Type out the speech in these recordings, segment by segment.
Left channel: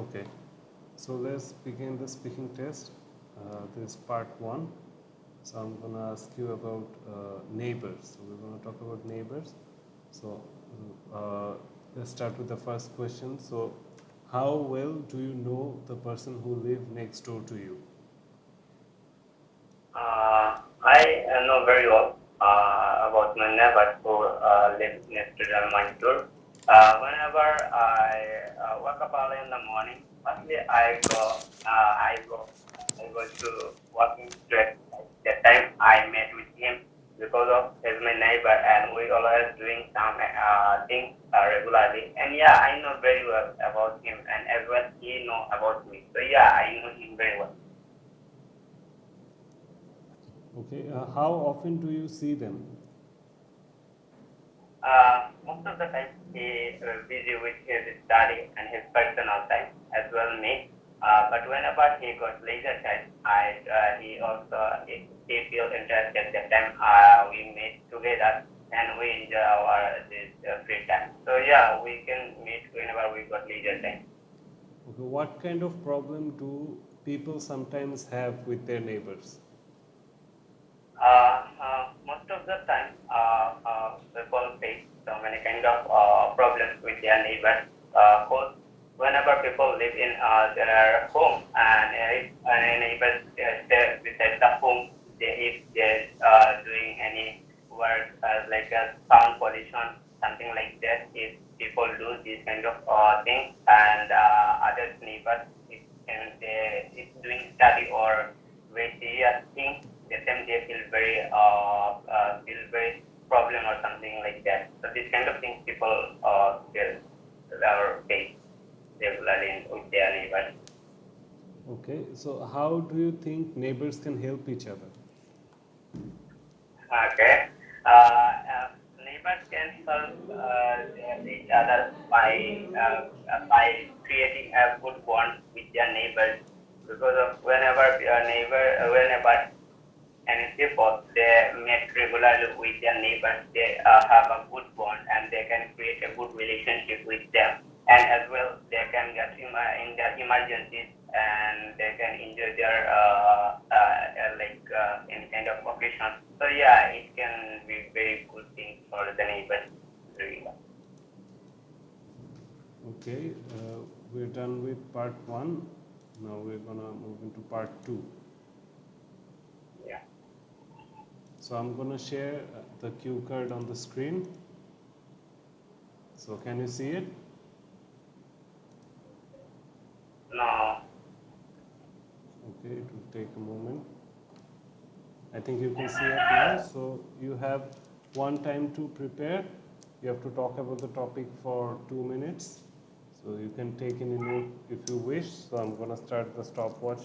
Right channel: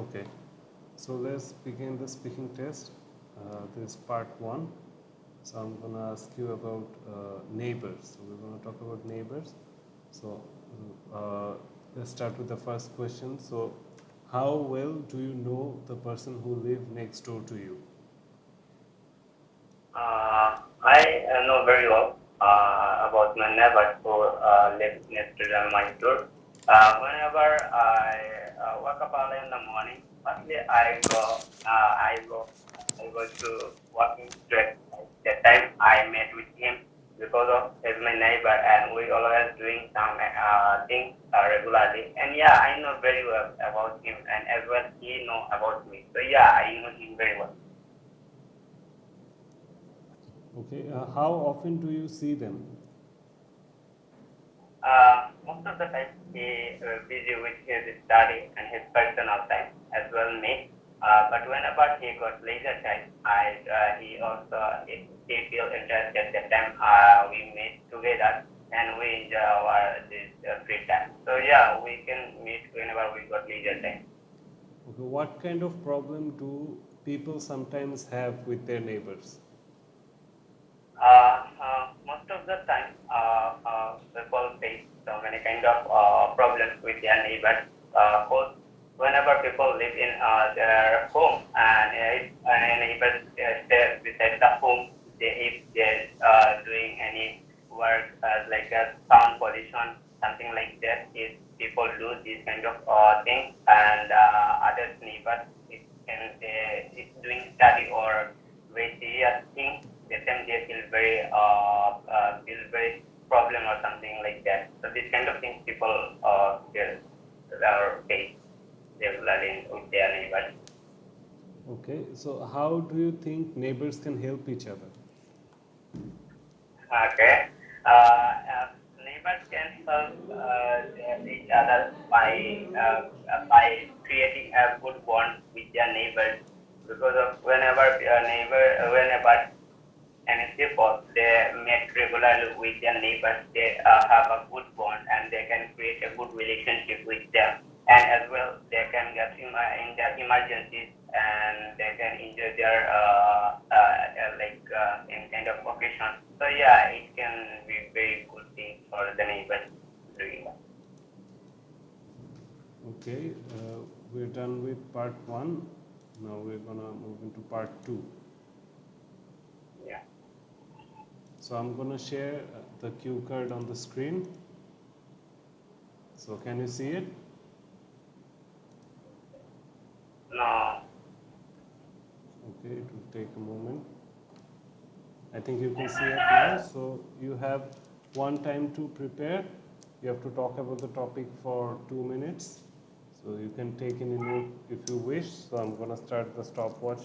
Okay, so let's begin the speaking test. This is part one. So I'm gonna ask you about neighbors. So we're gonna talk about neighbors. So uh, let's start with the first question. So, how well do you know the person who live next door to you? I know very well about my neighbors who live next to my door. Whenever I wake up early in the morning, firstly I go to walking street. The time I met with him because of he's my neighbor and we always doing some things regularly. And yeah, I know very well about him and as well he know about me. So yeah, I know him very well. Okay, how often do you see them? Most of the time he busy with his study and his personal time as well me. But whenever he got leisure time, he also he feel interested. That time we meet together and we enjoy our this free time. So yeah, we can meet whenever we got leisure time. Okay, what kind of problem do people sometimes have with their neighbors? Most of the time, people face so many kind of problems with their neighbors. Both whenever people live in their home and if neighbors stay beside the home, if they're doing any work like sound pollution, something like that, if people do these kind of things and other neighbors, if doing study or very serious things let them they feel very problem or something like that. So these kind of things people feel or face regularly with their neighbors. Okay, so how do you think neighbors can help each other? Okay. Neighbors can help each other by creating a good bond with their neighbors because of whenever and people they meet regularly with their neighbors, they have a good bond and they can create a good relationship with them. And as well, they can get in their emergencies and they can enjoy their in kind of occasion. So yeah, it can be very good thing for the neighbors doing that. Okay, we're done with part one. Now we're gonna move into part two. Yeah. So I'm gonna share the cue card on the screen. So can you see it? No. Okay, it will take a moment. I think you can see it now. So you have one time to prepare. You have to talk about the topic for 2 minutes. So you can take any note if you wish. So I'm gonna start the stopwatch.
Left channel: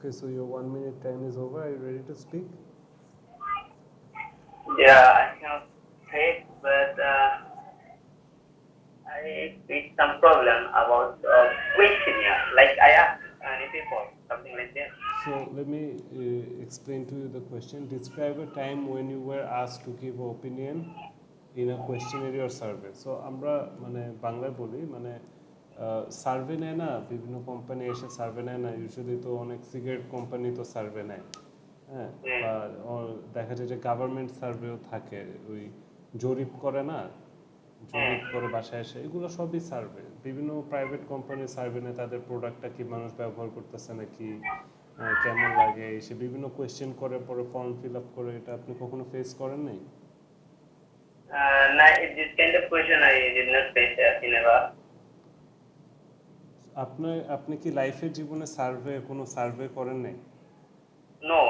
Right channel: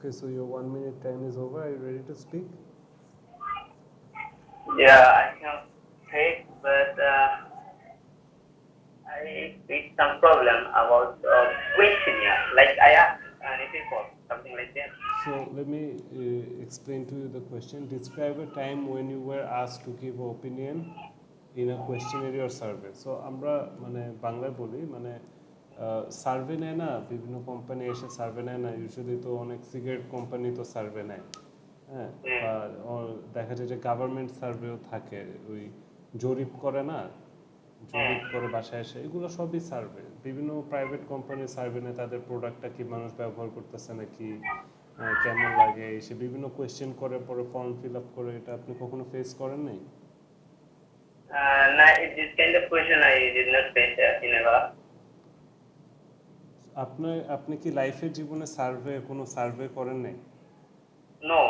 Okay, so your 1 minute time is over. Are you ready to speak? Yeah, I can take, but I face some problem about questionnaire. Like I asked any people, something like that. So let me explain to you the question. Describe a time when you were asked to give an opinion in a questionnaire or survey. So আমরা মানে বাংলায় বলি মানে সার্ভে নেয় না বিভিন্ন কোম্পানি এসে সার্ভে নেয় না ইউজুয়ালি তো অনেক সিগারেট কোম্পানি তো সার্ভে নেয় হ্যাঁ Mm, বা দেখা যায় যে গভর্নমেন্ট সার্ভেও থাকে ওই জরিপ করে না জরিপ করে বাসায় এসে, এগুলো সবই সার্ভে। বিভিন্ন প্রাইভেট কোম্পানি সার্ভে নেয় তাদের প্রোডাক্টটা কি মানুষ ব্যবহার করতেছে নাকি, কেমন লাগে, এসে বিভিন্ন কোয়েশ্চেন করে, পরে ফর্ম ফিল আপ করে। এটা আপনি কখনো ফেস করেন নাই? No, this kind of question I did not face in ever. আপনি কি লাইফের জীবনে কোনো সার্ভে করেন নাই? No.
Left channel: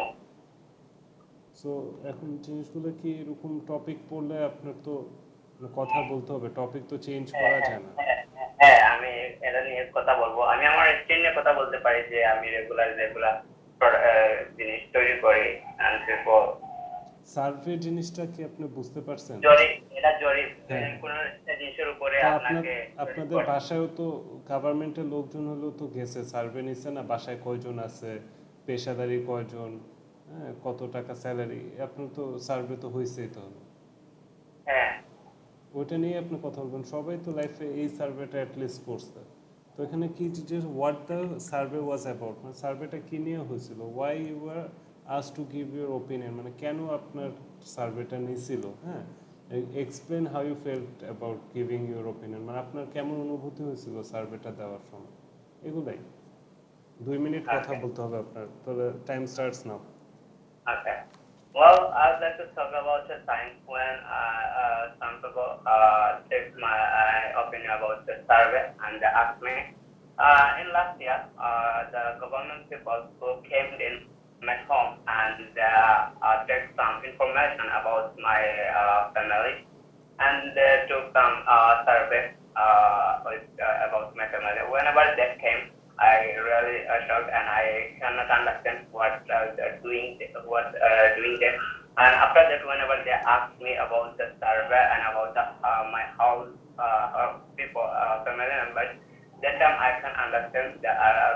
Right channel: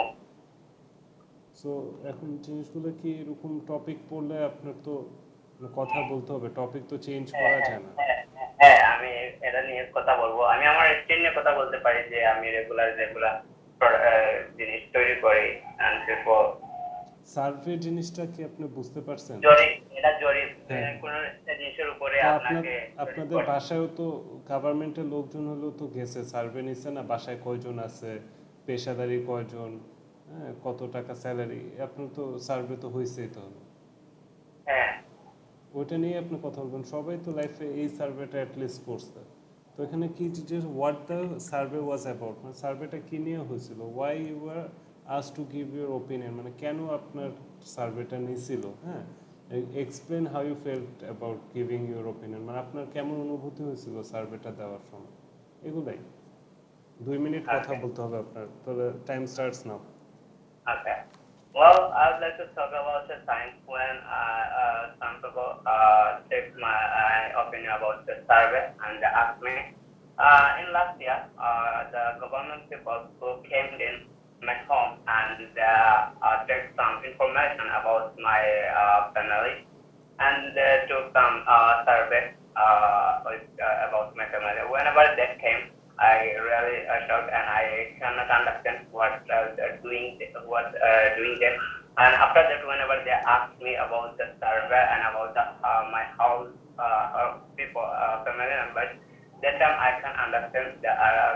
সো এখন জিনিসগুলো কি এরকম টপিক পড়লে আপনার তো কথা বলতে হবে, টপিক তো চেঞ্জ করা যায় না। হ্যাঁ, আমি এটা নিয়ে কথা বলবো। আমি আমার স্কিল নিয়ে কথা বলতে পারি যে আমি রেগুলার যেগুলা জিনিস তৈরি করি and people সার্ভে জিনিসটা কি আপনি বুঝতে পারছেন? এটা জরিপ হ্যাঁ। কোন একটা জিনিসের উপরে তো আপনাকে আপনাদের বাসায়ও তো গভর্নমেন্টের লোকজন হলেও তো গেছে, সার্ভে নিচ্ছে না, বাসায় কয়জন আছে, পেশাদারি কয়জন, হ্যাঁ, কত টাকা স্যালারি, আপনার তো সার্ভে তো হয়েছেই তো। হ্যাঁ ওইটা নিয়ে আপনি কথা বলবেন, সবাই তো লাইফে এই সার্ভেটা অ্যাটলিস্ট করছে। তো এখানে কি যে what the survey was about, মানে সার্ভেটা কি নিয়ে হয়েছিল, why you are asked to give your opinion, মানে কেন আপনার সার্ভেটা নিয়েছিল, হ্যাঁ, explain how you felt about giving your opinion, মানে আপনার কেমন অনুভূতি হয়েছিল সার্ভেটা দেওয়ার সময়, এগুলাই। 2 মিনিট কথা বলতে হবে আপনার, তাহলে time starts now. Okay. Well, I would like to talk about the time when some people take my opinion about the survey and they asked me. In last year, the government people who came in my home and take some information about my family and took some survey about my family. Whenever they came, I really shocked and I cannot understand what they're doing, doing them. And after that, whenever they ask me about the survey and about my house, people, family members, that time I can understand the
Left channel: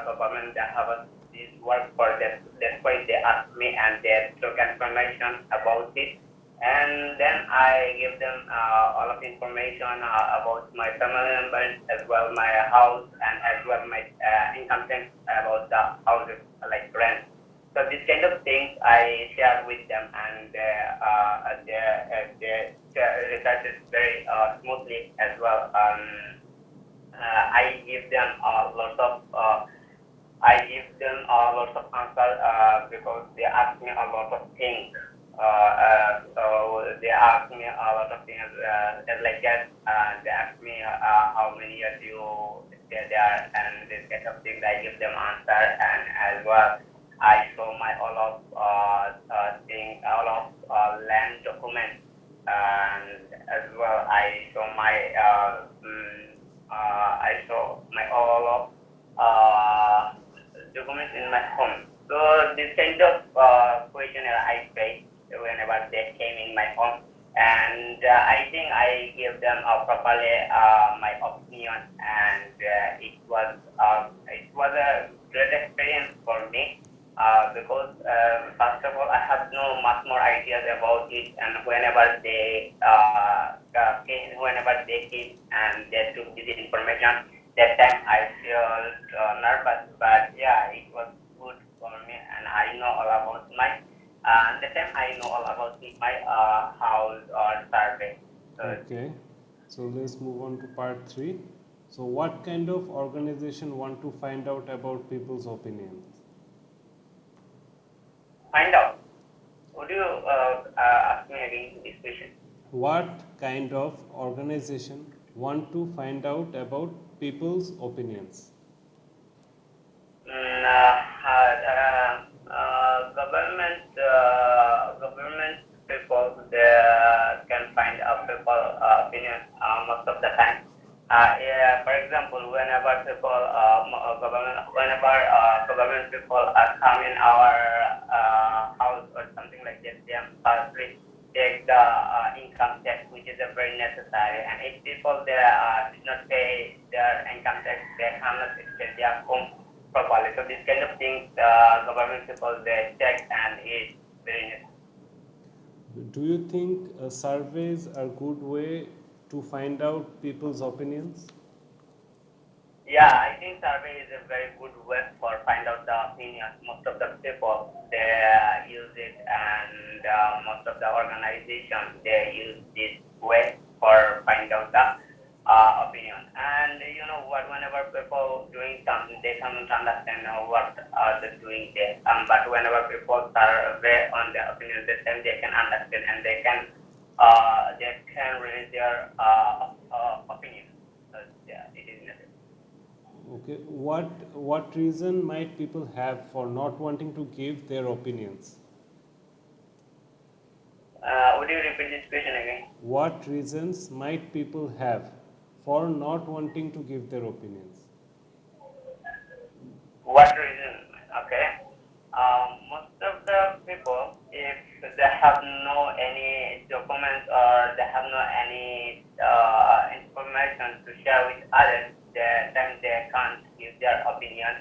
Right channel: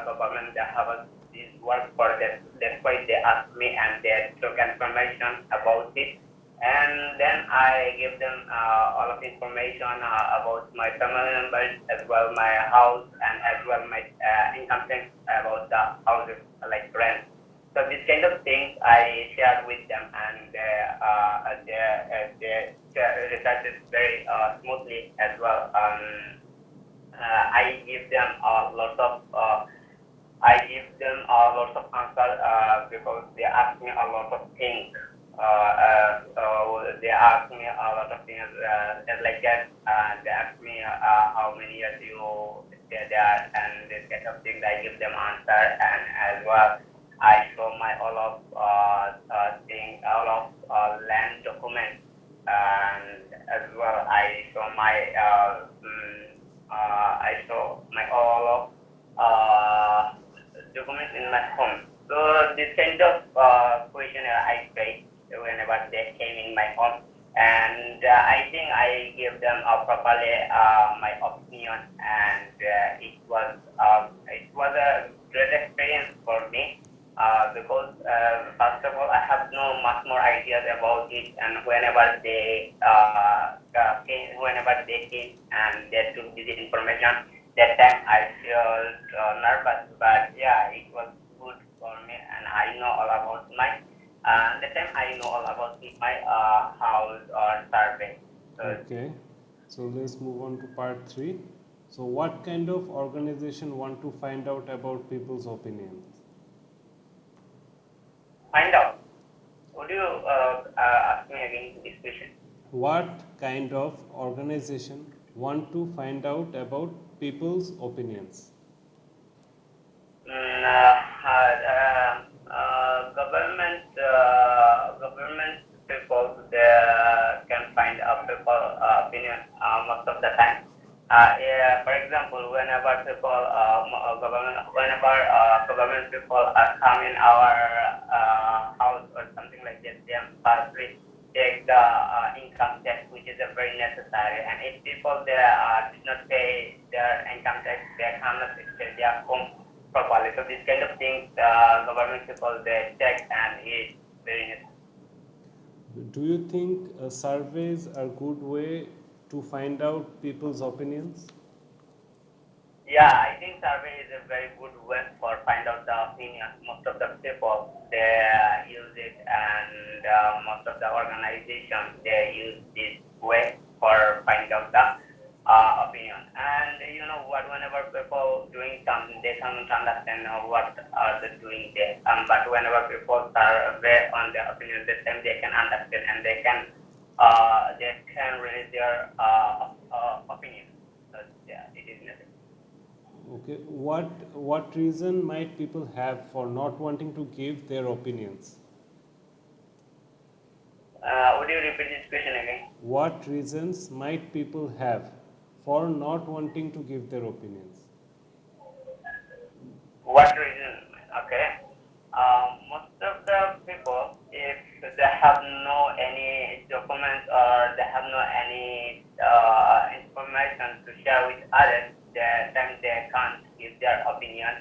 government that have this work for them. That's why they ask me and they took information about it. And then I give them all of the information about my family members, as well my house, and as well my income tax about the houses, like rent. So these kind of things I share with them, and they research it very smoothly as well. I give them lots of lots of answers because they ask me a lot of things. So they ask me a lot of things just like that. They ask me how many years you stay there, and this kind of things. I give them answer, and as well I show my all of land documents, and as well I show my all of documents in my home. So this kind of questionnaire I face whenever they came in my home, and I think I gave them properly my opinion, and it was a great experience for me because first of all I have no much more ideas about it, and whenever they came and they took this information, that time I felt nervous, but yeah, it was good for me, and I know all about my that time I know all about my house or survey. Okay, so let's move on to part 3. So what kind of organization want to find out about people's opinions? Find out. Would you ask me again this question? What kind of organization want to find out about people's opinions? Government people they can find out people opinion most of the time. For example, whenever government people come in our house or something like that, they firstly take the income tax, which is a very necessary. And if people they did not pay their income tax, they cannot stay their home properly. So this kind of things, government people they check, and it's very necessary. Do you think surveys are good way to find out people's opinions? Yeah, I think survey is a very good way for find out the opinions. Most of the people they use it, and most of the organizations they use this way for find of the opinion. And you know what, whenever people doing something, they can't understand what are they doing there. But whenever people are aware on their opinion, this time they can understand and they can release their opinion. So yeah, it is necessary. Okay, what reason might people have for not wanting to give their opinions? Would you repeat this question again? What reasons might people have for not wanting to give their opinions? What reason? Okay. Most of the people, if they have no any documents or they have no any information to share with others, then they can't give their opinion,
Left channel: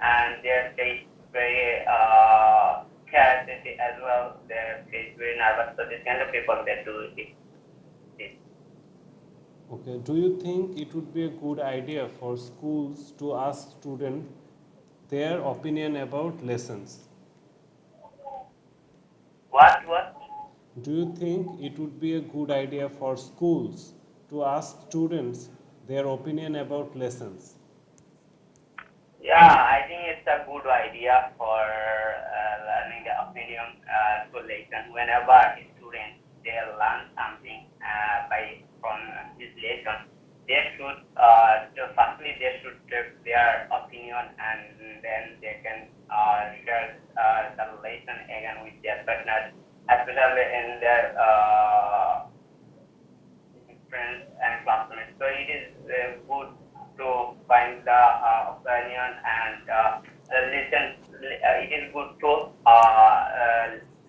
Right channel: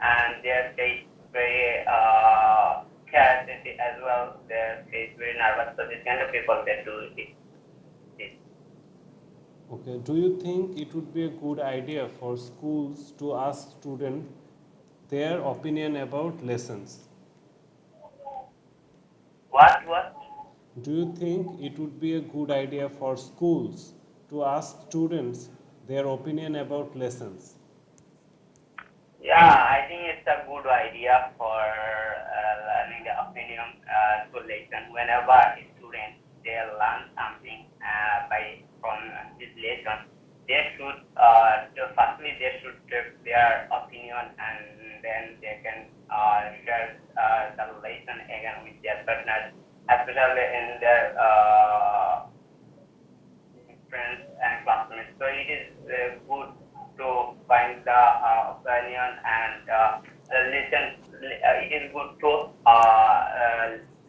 and they face very scarcity as well. They face very nervous. So this kind of people they do it. Okay, do you think it would be a good idea for schools to ask students their opinion about lessons? What? Do you think it would be a good idea for schools to ask students their opinion about lessons? Yeah, I think it's a good idea for learning the opinion to lesson. Whenever a student they learn something from this lesson, they should firstly they should give their opinion, and then they can share the lesson again with their partners, especially in their friends and classmates. So it is good to find the opinion and listen. It is good to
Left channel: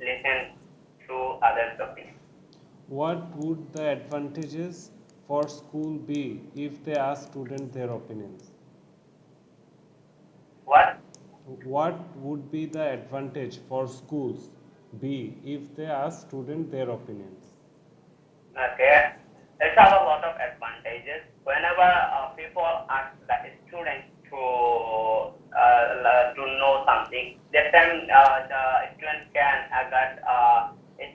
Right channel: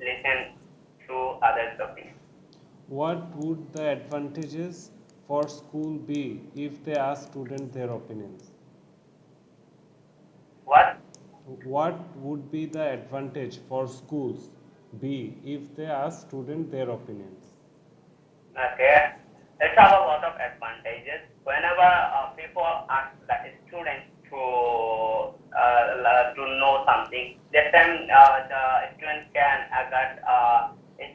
listen to others' opinion. What would the advantages for school be if they ask students their opinions? What? What would be the advantage for schools be if they ask students their opinions? Okay, it has a lot of advantages. Whenever people ask the students to know something, that time the student can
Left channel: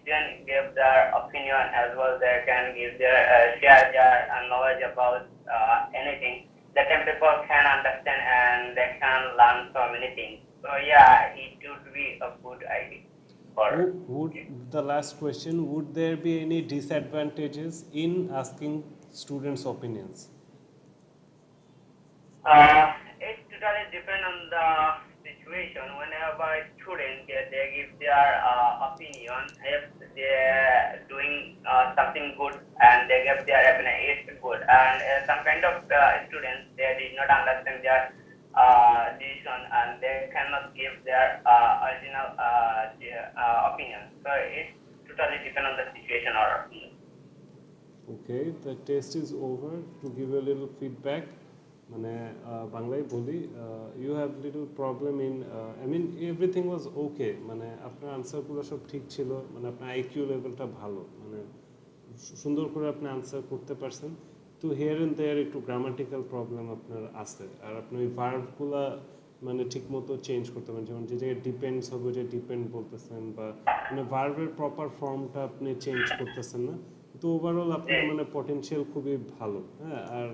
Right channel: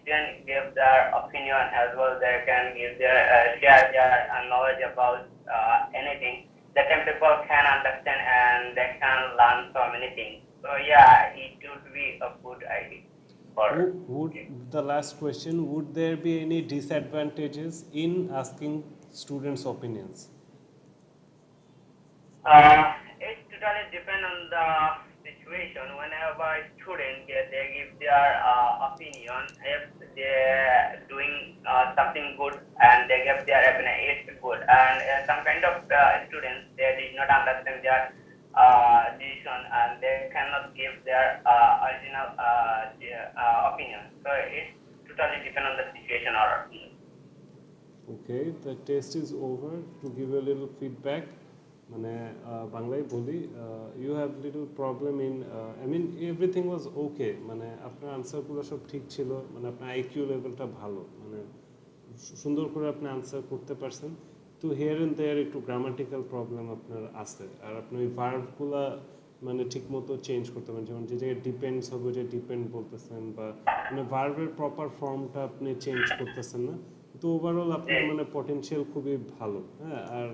student give their opinion as well. They can give their share their knowledge about anything. That time people can understand and they can learn so many things. So yeah, it would be a good idea for. The last question, would there be any disadvantages in asking students' opinions? It totally depends on the situation. Whenever a student they give their opinion, if they're doing something good and they give their opinion, it's good. And some kind of students they did not understand their decision and they cannot give their original opinion. So it totally depends on the situation or opinion. Okay, the test is over. To give you a little feedback, মানে বাংলায় বলি, you have little problem in I mean everything was okay, মানে আপনার আনসারগুলো সব ঠিক ছিল, মানে আপনার আইকিউ লেভেলটা ভালো, মানে সুন্দর করে আপনি আনসার করতে পারছেন। তো হিয়ার অ্যান্ড দেয়ার একটু গ্রামাটিক্যাল প্রবলেম আপনার আছে, আর আপনি ওই ভার্বগুলো মানে ঠিক মতো চেঞ্জ করতে পারেন, যেমন যে জায়গায় ডিপেন্ডস হবে যে ডিপেন্ড বলতেছেন, বা মানে ভার্বের প্রপার ফর্মটা আপনি চেঞ্জ করতেছেন না। তো ওভারঅল আপনার মানে পটেনশিয়াল খুবই ভালো। হ্যাঁ, আর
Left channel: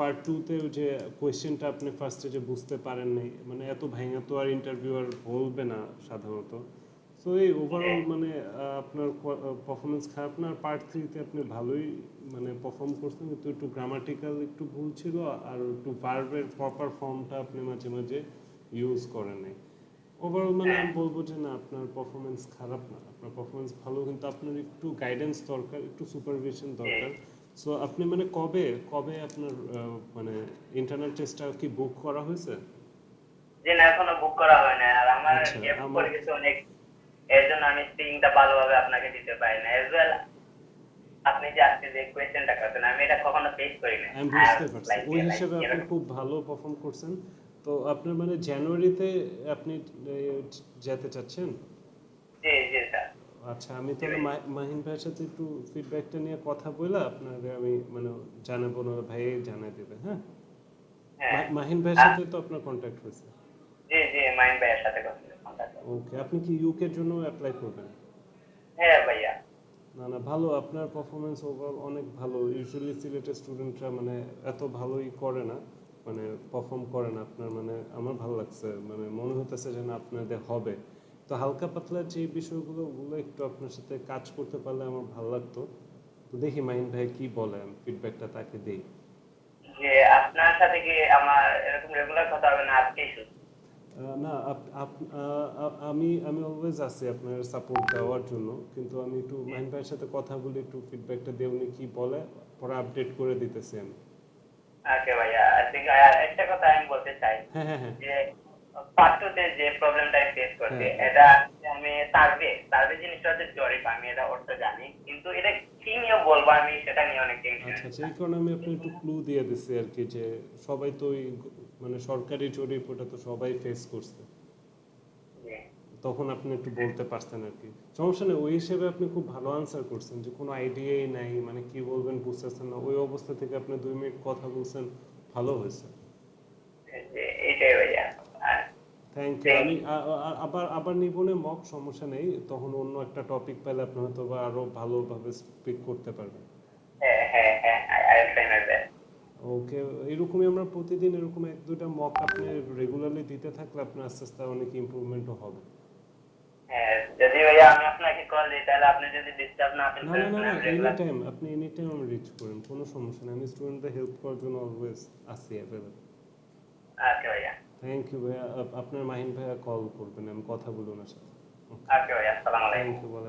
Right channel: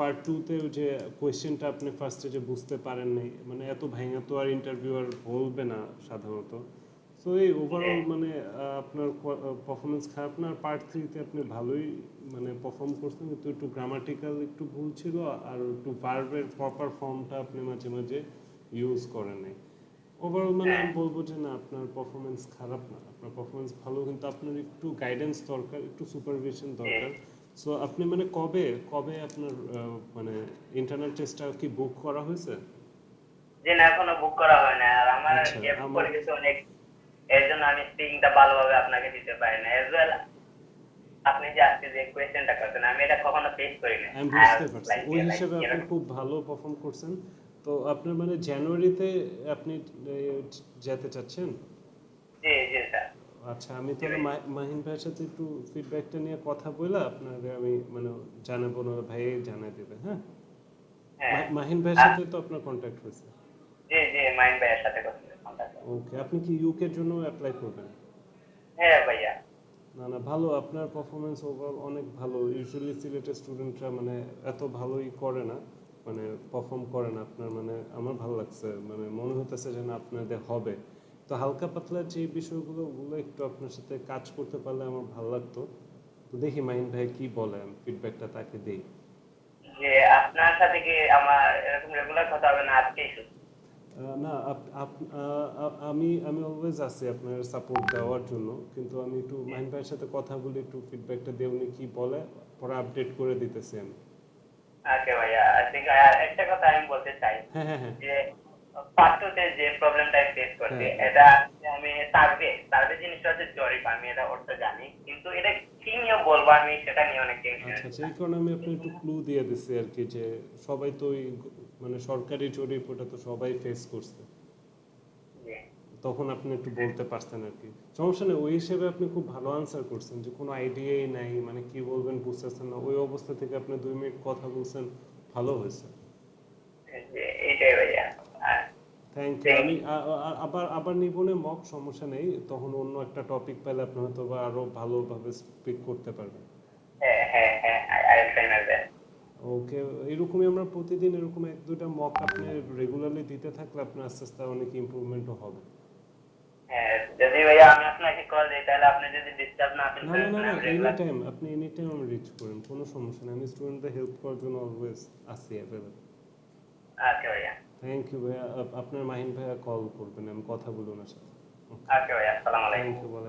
পার্ট টুতে যে কোয়েশ্চেনটা আপনি ফার্স্টে যে বুঝতে পারেন নাই, মানে এত ভাঙা তো আর ইন্টারভিউয়ার বলবে না সাধারণত। সো এই ওভারঅল মানে আপনার পারফরমেন্স খারাপ না, আর পার্ট থ্রিতে আপনি ভালোই মানে পারফর্ম করছেন, কিন্তু একটু গ্রামাটিক্যাল একটু ভুল ছিল, আর একটু ভার্বের প্রপার ফর্মটা আপনি মাঝে মাঝে ইউজ করেন নাই। ওভারঅল মানে আমি বলবো যে না, আপনার পারফরমেন্স খারাপ না, আপনার পারফরমেন্স ভালো, কিন্তু আপনার একটু গাইডেন্স দরকার, একটু সুপারভিশন দরকার। সো আপনি মানে কবে আপনার মানে ইন্টারনাল টেস্টটা কি বুক করা হয়েছে? যে না, এখনো বুক করা হয় না, আর আমার আচ্ছা, গ্যাপ আমার পড়ে গেছে অনেক, এর জন্য আমি স্পিকিংটা ভালোভাবে আপনাকে দিতে পারি না। এজ ওয়েল আপনি যে আজকে যে কোয়েশ্চেনটা করছেন আমি এটা কখনো ফেস করি না। আমি বুঝতে পারছি, ওই হিসেবে আপনি খুব ভালো পারফর্ম করছেন। তো আপনার মানে জানুয়ারিতে আপনি যেতে চাচ্ছেন? জি জি স্যার। আচ্ছা, আমি তাহলে মাহিন ভাইয়ের সাথে একটু ফিডব্যাকটা নিয়ে কথা বলে আপনাকে আমি মানে জানাবো, না ভাই জানাই দেবে। হ্যাঁ, হ্যাঁ মাহিন ভাইয়ের সাথে তো আপনার কন্ট্যাক্ট হয়েছে? জি জি, মাইন ভাইয়ের সাথে কথা। ওকে, আপনি কি ইউকের জন্য অ্যাপ্লাই করবেন? হ্যাঁ ভাইয়া। না না ভালো, আপনার পারফরমেন্স ওভারঅল অনেক ভালো। ইউজুয়ালি সিলেটের স্টুডেন্টরা মানে এত ভালোই করে না, মানে পারফর্ম করে না আপনার, মানে আমার ভালো লাগছে, মানে মনে হতেছে যে না আপনাদের হবে। তো হালকা পাতলা যে বিষয়গুলো ওগুলো একটু আপনার সাথে কাজ করতে পারলে আমার ভালো লাগতো। তো দেখি মাহিন ভাই কি বলে, আমি ফিডব্যাকটা তাকে দিই। যে আপনার সাথে কি আমার এরকম রেগুলার কথা হবে না আজকেই শুধু? না আমি আমি অলওয়েজ আছি আপনার সাপোর্ট দেওয়ার জন্য, কিন্তু আমি একটু মাহিন ভাইয়ের সাথে কথা বলে একটু ফিডব্যাকটা দিয়ে উনি কি বলে পরে আপডেট করে দিতেছি আমি। ওকে ভাইয়া, আই থিঙ্ক একটা কথা আমি বলতে চাই হ্যাঁ হ্যাঁ হ্যাঁ যে পার্টটুতে যে প্রবলেমটা ফেস করছে হ্যাঁ হ্যাঁ। এটা আমি সার্ভে সার্ভে জিনিসটা হচ্ছে জরিপ, আমি এটা অর্থ জানি, কিন্তু এটা কি নিয়ে বলবো আমি সেটা নিয়ে অনেক টেনশন। আচ্ছা আচ্ছা, এই কারণে আমি আপনার একটু ক্লু দিয়ে দিচ্ছি আর কি, যে সবাই তো ওই মানে সরকারি জরিপ ওটা তো সবাই ফেস করছে, তখন আপনি একটু বলতে পারছেন আর কি। সমস্যা নেই, ওই হিসেবে আপনি খুব ভালো আনসার করছেন, যে কোনো আইডিয়াই নাই, মানে কি বলবেন বুঝতেছেন না, ওই অবস্থা থেকে আপনি 2 মিনিট কথা বলছেন, ভালো হয়েছে। এইটাই ভাইয়া। Thank you. আমি আবার আবার নিবনে মক, সমস্যা নেই, তখন অন্য একটা টপিক পেলে আপনি হয়তো বা আরো ভালোভাবে স্পিক করতে পারবেন। হ্যাঁ হ্যাঁ হ্যাঁ, আই উইল ফাইনাল দ্যাট। ওকে, এরকমই আমরা প্রতিদিন এরকম 1-2টা মক আপনি রেগুলারলি দিতে থাকলে আপনার আস্তে আস্তে অনেক ইমপ্রুভমেন্টও হবে। হ্যাঁ, যদি ভাইয়া আমি আপনাকে কল দিই তাহলে আপনি যদি ডিস্টার্ব না ফিল না না করেন না তাহলে না, আমি এনি রেগুলার। টাইম আপনি এনি টাইম আমি রিচ করেন, কোনো সমস্যা নেই, আমি স্টুডেন্টদের হেল্প করার জন্য অলওয়েজ আছি অ্যাভেলেবল। ওকে ভাইয়া। থ্যাংক ইউ ভাইয়া, আপনার মাহিন ভাইয়া কল করবেন, আমি কথা বলবো ওনার সাথে। ওকে ভাইয়া, আসসালামু আলাইকুম। থ্যাংক ইউ বলে